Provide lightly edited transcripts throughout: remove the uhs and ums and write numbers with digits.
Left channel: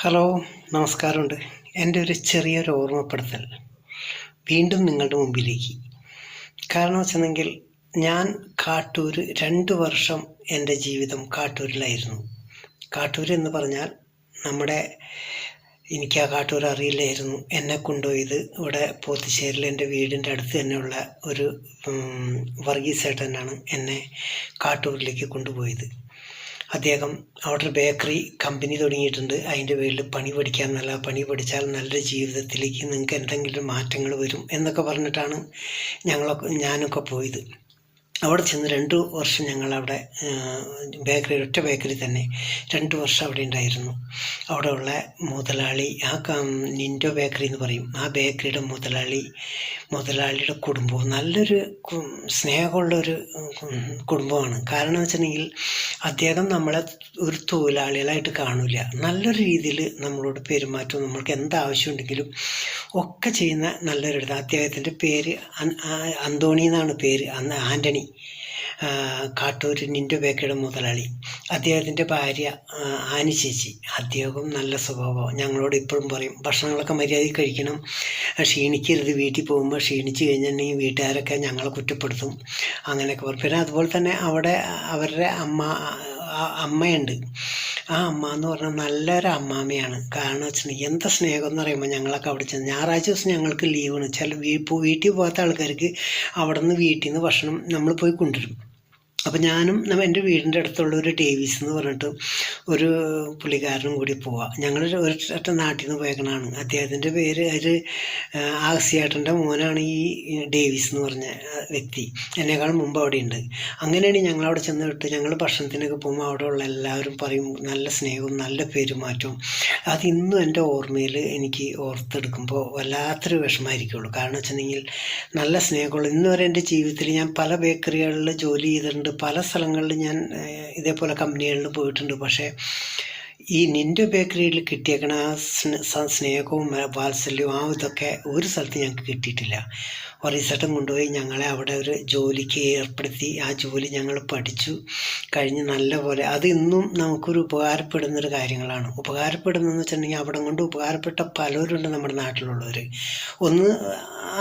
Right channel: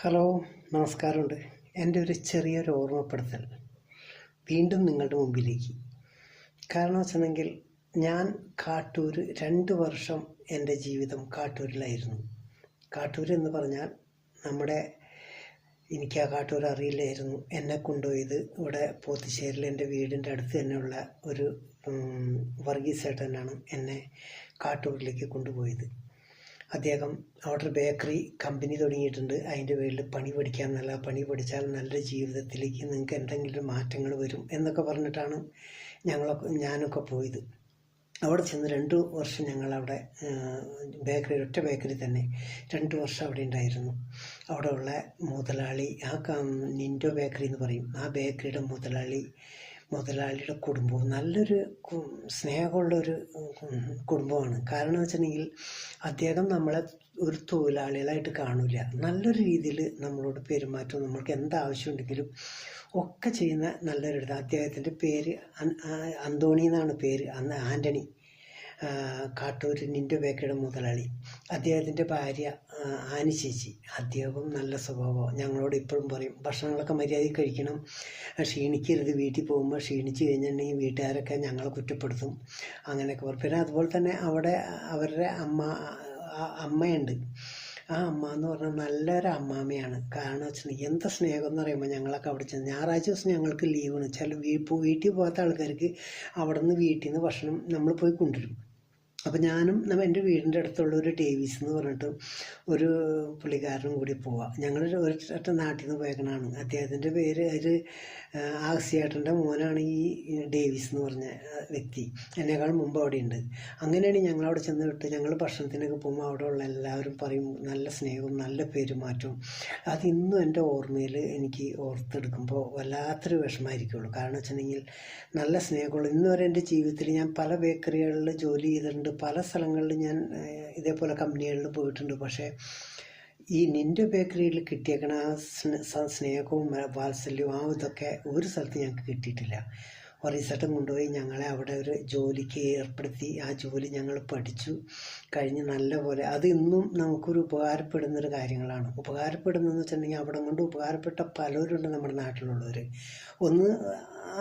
Hello, നമസ്കാരമുണ്ട്. എൻ്റെ ഒരു ചെറിയൊരു ഓർമ്മപ്പെടുത്തൽ വീണ്ടും നിങ്ങളുടെ മുമ്പിലേക്ക്. കാരണം വെച്ചെങ്കിൽ ഞാൻ കാട്ടൂർ 2 വർഷം എൻ്റെ ജീവിതം കാട്ടൂരിലായിരുന്നു. കാട്ടൂർ എന്ന് പറഞ്ഞാൽ നമ്മുടെ എനിക്ക് ആ കാട്ടൂർ അറിയില്ലായിരുന്നു. എന്നെ കൊണ്ടുപോയത് ഇവിടെ പോത്തിശ്ശേരിൽ എൻ്റെ വീടിൻ്റെ അടുത്ത് തന്നെയുള്ള ഒരു വർഗീസേട്ടനാണ് എന്നെ കാട്ടൂരിലേക്ക് കൊണ്ടുപോയത്. അദ്ദേഹം അവിടെ ഒരു ബേക്കറി കമ്പനി തുടങ്ങിയിട്ടുണ്ട്. അതിൻ്റെ പേരിൽ പണി പണി പഠിച്ചാൽ നല്ല ജീവിതത്തിലേക്ക് നിങ്ങൾക്ക് എന്തെങ്കിലും മാറ്റങ്ങൾ വരും എന്നൊക്കെ പറഞ്ഞിട്ടാണ് ഞാനൊക്കെ പോയത്. അവിടെ ചെന്ന് 2 വർഷം ഞങ്ങളവിടെ ഒറ്റ ബേക്കറി തന്നെ 2 വർഷം അവിടെ ഉണ്ടായിരുന്നു. അവിടെയുള്ള മുതലാളി നിൻഡോ ബേക്കറി എന്ന് പറയും, ആ ബേക്കറിയുടെ മുതലാളിയുടെ കുടുംബവും നല്ലൊരു സ്നേഹമുള്ളൊരു കുടുംബമാണ്. കാരണം എന്ന് വെച്ചിട്ടുണ്ടെങ്കിൽ അദ്ദേഹം നമ്മളെ ഒരു തൊഴിലാളികളായിട്ട് കാണില്ല. നല്ലൊരു രീതിയിൽ നമ്മളോട് പെരുമാറ്റവും നമ്മൾക്ക് എന്താവശ്യമുണ്ടെങ്കിലും ഒക്കെ ചെയ്യുന്ന നല്ലൊരു അദ്ദേഹത്തിൻ്റെ പേര് അന്തോണി എന്നാണ് പേര്. ആൻ്റണി, കാട്ടൂർ നിൻഡോ ബേക്കറിയുടെ മുതലാളി. അദ്ദേഹത്തിൻ്റെ ഭാര്യ ആനി ചേച്ചി, അദ്ദേഹം നല്ല സ്വഭാവം. ഞങ്ങളോട് ഇപ്പോഴും പറയും ഭക്ഷണങ്ങളൊക്കെ മര്യാദയ്ക്ക് കഴിക്കണം, ക്ഷീണിക്കരുത്, വീട്ടിൽ പോകുമ്പോൾ ക്ഷീണിച്ച് കഴിഞ്ഞിട്ടുണ്ടെങ്കിൽ വീട്ടുകാരൊക്കെ ഞങ്ങളെ കുറ്റപ്പെടുത്തും, അങ്ങനെയൊക്കെ പറയും. പിന്നെ അതുപോലെ തന്നെ അവിടെ അവരുടെ അമ്മയുണ്ട്. ആ അമ്മ എന്ന് പറഞ്ഞാൽ നല്ലൊരു അമ്മാമ്മയാണ്. കാരണം വെച്ചിട്ടുണ്ടെങ്കിൽ എന്താ സ്നേഹം എന്ന് പറയുമ്പോൾ ഞങ്ങളൊക്കെ അവിടെ ചെന്ന് ഞായറാഴ്ച ദിവസം ഞങ്ങൾക്ക് ലീവാണ്. വീട്ടിൽ പോകാത്ത ആൾക്കാർക്ക് അവിടെ നിന്ന് വീട്ടിൽ നിന്ന് ഭക്ഷണം നമ്മൾ പോയി കൊണ്ടുവരും. അപ്പോൾ ഞാനും എൻ്റെ വീടിൻ്റെ അടുത്തുള്ള ഒരു ഡേവിസ് എന്ന് പറഞ്ഞിട്ട് ഒരു പുള്ളിക്കാരനും കൂടി പോവാം. ഞങ്ങൾ ഒരു നാട്ടിൽ നിന്ന് പോയേക്കണതാണ്. അദ്ദേഹത്തിൻ്റെ പേര് ആസിയേട്ടൻ്റെ മോനാണ് ഈ ഡേവിസ് എന്ന് പറഞ്ഞ വ്യക്തി. എന്നെക്കാൾ മുമ്പ് അവിടെ ഉണ്ട്. അങ്ങനെയാണ് ഞങ്ങളവിടെ ചെന്ന് വിട്ട് ഞങ്ങൾ ഭക്ഷണത്തിനൊക്കെ പോകുമ്പോൾ അവിടെയുള്ള എല്ലാവരും പറയും നല്ല സ്നേഹവും നല്ല പെരുമാറ്റവും. അതിന്നും എൻ്റെ ഓർമ്മയിൽ എനിക്ക് ഓർത്തെടുക്കുമ്പോൾ വല്ലാത്തൊരു വിഷമമായിരിക്കുള്ളൂ. കാരണം വെച്ചിട്ടുണ്ടെങ്കിൽ നല്ല സ്നേഹമുള്ള ഇന്ന് വരെ എൻ്റെ ജീവിതത്തിൽ ഞാൻ പല ബേക്കറികളിൽ ജോലി ചെയ്തിട്ടുണ്ട്, പല സ്ഥലങ്ങളിൽ ഞാൻ ഇതേപോലെ കമ്പനികളിൽ പോയിട്ടുണ്ട്. പക്ഷേ ഈ നിൻഡോ ബേക്കറിയിൽ കിട്ടിയേക്കണ ആ സ്നേഹവും വാത്സല്യവും ഇതൊക്കെ ഒരു സ്ഥലത്ത് ഞങ്ങൾക്ക് കിട്ടിയിട്ടില്ല. വർഗീസേട്ടൻ കൊണ്ടുപോയി ഞങ്ങളെ അവിടെ ഒരു ജോലിക്ക് ഏർപ്പെടുത്തി. ആ ജോലി ഞങ്ങൾ പഠിച്ചു കഴിഞ്ഞ് നല്ല പോലെ അത് ഇന്നും നമുക്കൊരു ഉപകാരപ്പെടുന്നൊരു കാര്യങ്ങളാണ്. ഉപകാരപ്പെടുന്നതെന്ന് വെച്ചിട്ടുണ്ടെങ്കിൽ അവിടെ കൊണ്ട് ഉപകാരപ്പെട്ട പലരുണ്ട് നമ്മുടെ നാട്ടിലുള്ളവർ. ഒന്ന്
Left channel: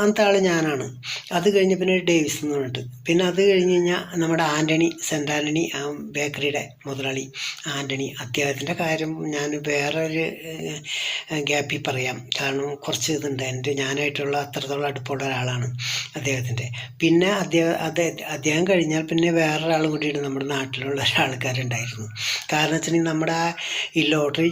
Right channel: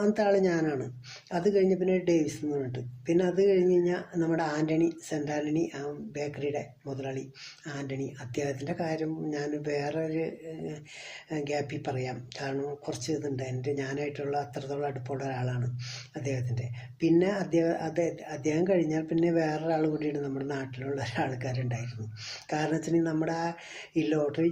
ആദ്യത്തെ ആൾ ഞാനാണ്. അത് കഴിഞ്ഞ് പിന്നെ ഡേവിസ് എന്ന് പറഞ്ഞിട്ട്, പിന്നെ അത് കഴിഞ്ഞ് കഴിഞ്ഞാൽ നമ്മുടെ സെൻറ്റ് ആൻ്റണി ബേക്കറിയുടെ മുതലാളി ആൻ്റണി. അദ്ദേഹത്തിൻ്റെ കാര്യം ഞാൻ വേറൊരു ഗ്യാപ്പിൽ പറയാം. കാരണം കുറച്ച് ഇതുണ്ട്, ഞാനായിട്ടുള്ള അത്രത്തോളം അടുപ്പമുള്ള ഒരാളാണ് അദ്ദേഹത്തിൻ്റെ. പിന്നെ അദ്ദേഹം കഴിഞ്ഞാൽ പിന്നെ വേറൊരാൾ കൂടിയിട്ട് നമ്മുടെ നാട്ടിലുള്ള ഒരാൾക്കാരുണ്ടായിരുന്നു. കാരണം വെച്ചിട്ടുണ്ടെങ്കിൽ നമ്മുടെ ഈ ലോട്ടറി